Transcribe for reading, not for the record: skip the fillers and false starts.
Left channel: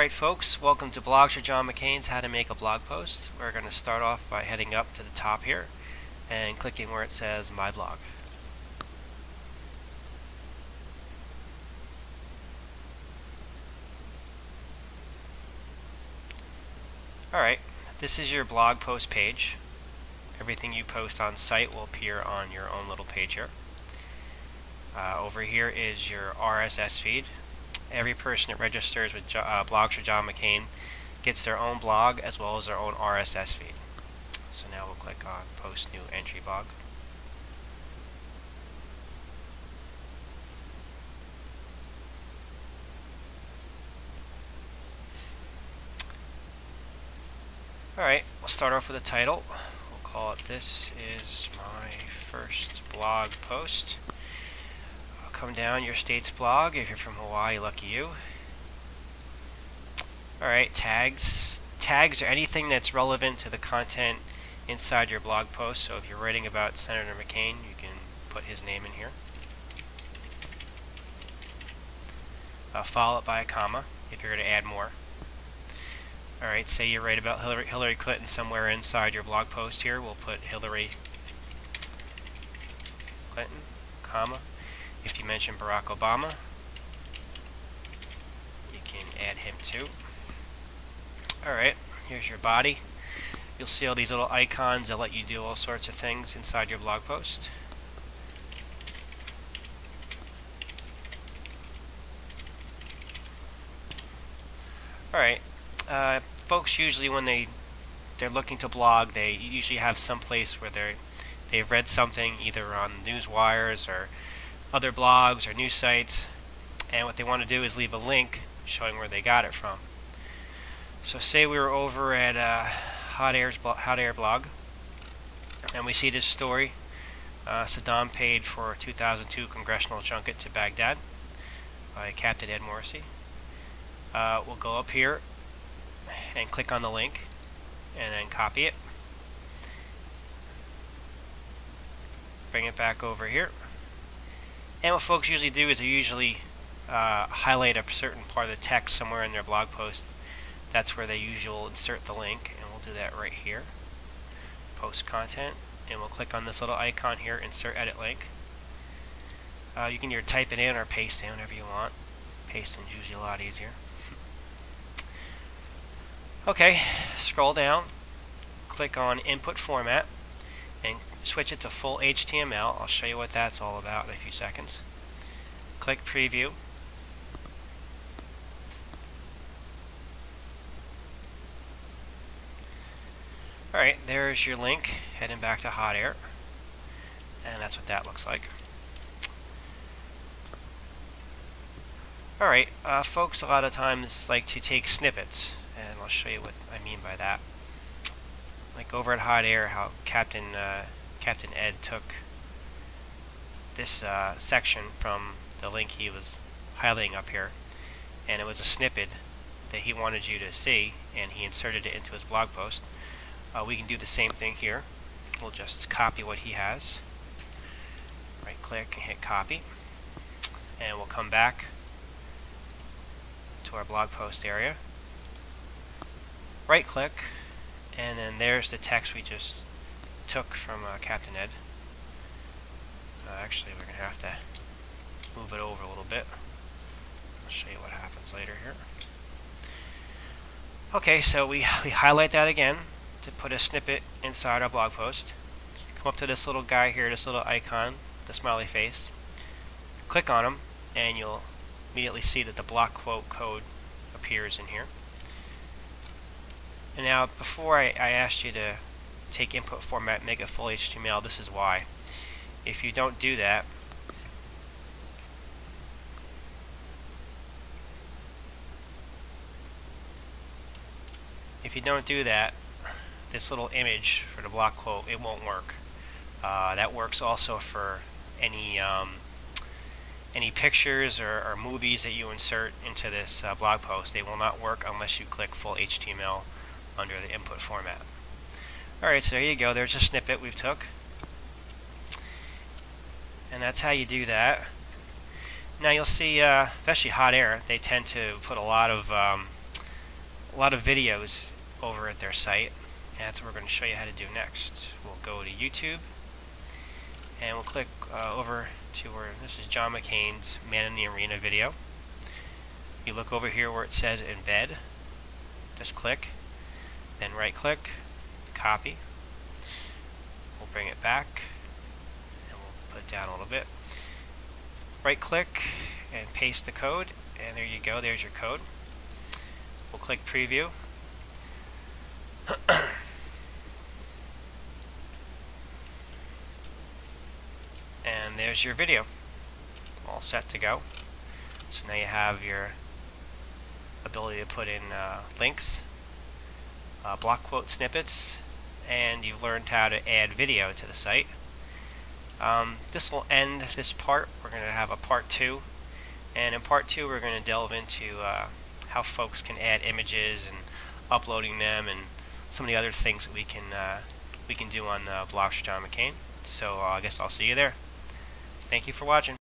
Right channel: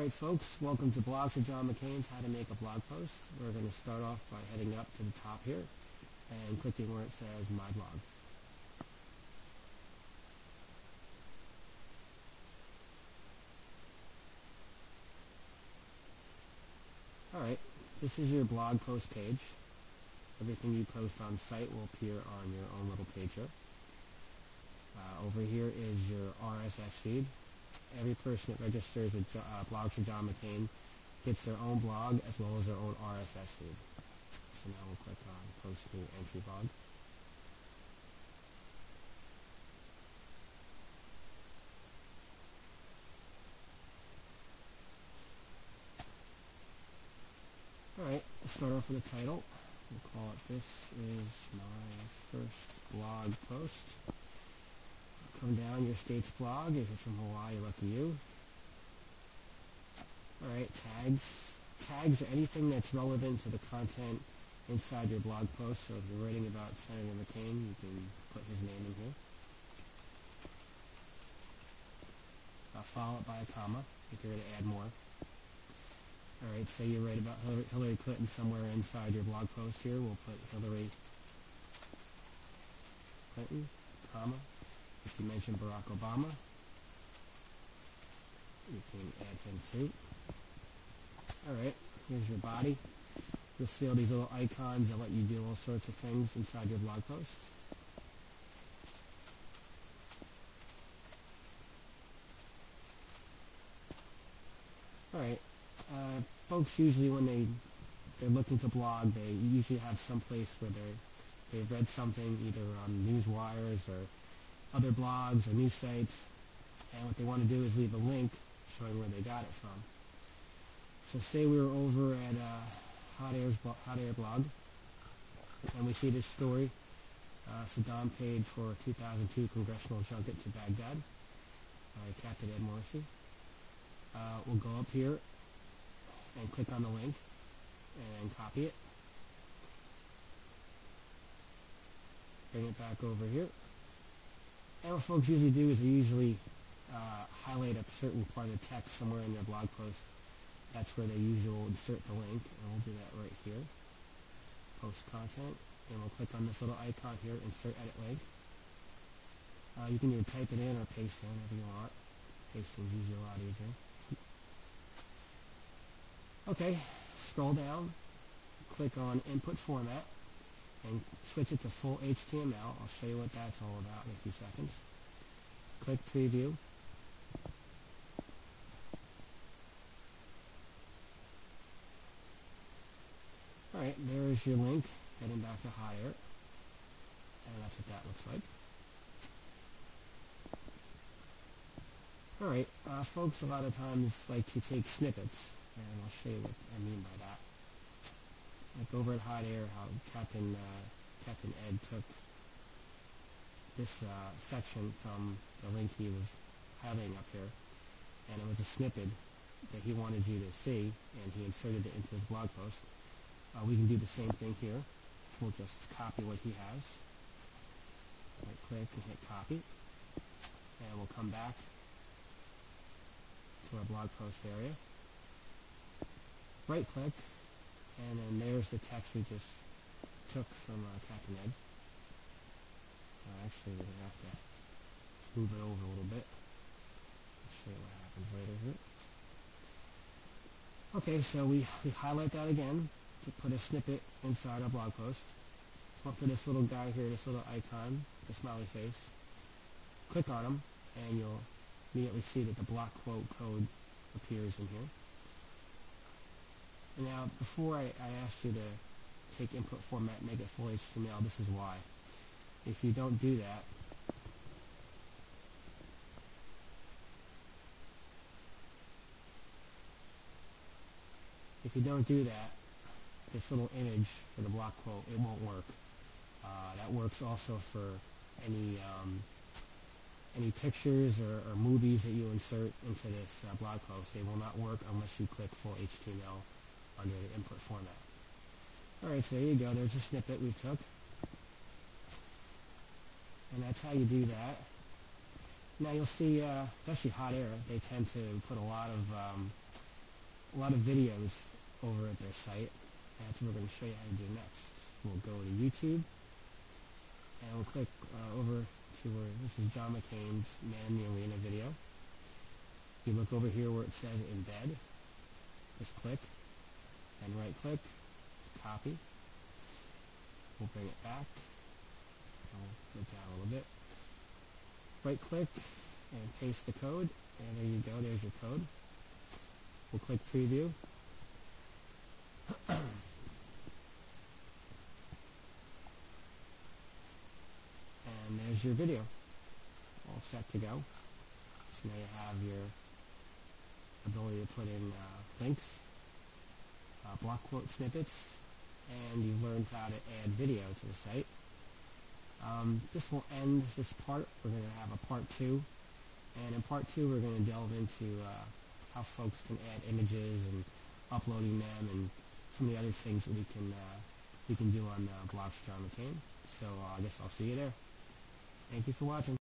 Alright folks, welcome to Blogs For John McCain's How to Make a Blog Post. We're going to start off by heading up to the top here and clicking where it says My Blog. Alright, this is your blog post page. Everything you post on site will appear on your own little page here. Over here is your RSS feed. Every person that registers with Blogs For John McCain gets their own blog as well as their own RSS feed. So now we'll click on Post New Entry Blog. Alright, we'll start off with a title. We'll call it This Is My First Blog Post. Come down your state's blog. If you're from Hawaii, lucky you. Alright, tags. Tags are anything that's relevant to the content inside your blog post. So if you're writing about Senator McCain, you can put his name in here. Follow it by a comma if you're going to add more. Alright, say you write about Hillary Clinton somewhere inside your blog post here. We'll put Hillary Clinton, comma. If you mention Barack Obama, you can add him too. Alright, here's your body. You'll see all these little icons that let you do all sorts of things inside your blog post. Alright, folks usually when they're looking to blog, they usually have some place where they've read something either on news wires or other blogs or news sites, and what they want to do is leave a link showing where they got it from. So say we were over at Hot Air blog, and we see this story. Saddam paid for a 2002 congressional junket to Baghdad by Captain Ed Morrissey. We'll go up here and click on the link and then copy it. Bring it back over here. And what folks usually do is they usually highlight a certain part of the text somewhere in their blog post. That's where they usually insert the link, and we'll do that right here. Post content, and we'll click on this little icon here, insert edit link. You can either type it in or paste it in, whatever you want. Pasting is usually a lot easier. Okay, scroll down, click on Input Format, and switch it to full HTML. I'll show you what that's all about in a few seconds. Click Preview. Alright, there's your link heading back to Hot Air. And that's what that looks like. Alright, folks a lot of times like to take snippets, and I'll show you what I mean by that. Like over at Hot Air, how Captain Ed took this section from the link he was highlighting up here, and it was a snippet that he wanted you to see, and he inserted it into his blog post. We can do the same thing here. We'll just copy what he has. Right click and hit copy, and we'll come back to our blog post area. Right click, and then there's the text we just took from Captain Ed. Actually, we're going to have to move it over a little bit. I'll show you what happens later here. Okay, so we highlight that again to put a snippet inside our blog post. Come up to this little guy here, this little icon, the smiley face. Click on him, and you'll immediately see that the block quote code appears in here. And now, before I asked you to take input format, make it full HTML, this is why. If you don't do that, this little image for the block quote, it won't work. That works also for any pictures or movies that you insert into this blog post. They will not work unless you click full HTML under the input format. Alright, so there you go. There's a snippet we've took. And that's how you do that. Now you'll see, especially Hot Air, they tend to put a lot of a lot of videos over at their site, and that's what we're going to show you how to do next. We'll go to YouTube, and we'll click over to where this is John McCain's Man in the Arena video. You look over here where it says Embed. Just click, then right click, copy. We'll bring it back, and we'll put it down a little bit. Right click and paste the code, and there you go, there's your code. We'll click preview. And there's your video, all set to go. So now you have your ability to put in links, block quote snippets, and you've learned how to add video to the site. This will end this part. We're going to have a part 2, and in part 2 we're going to delve into how folks can add images and uploading them, and some of the other things that we can do on Blogs For John McCain. So I guess I'll see you there. Thank you for watching.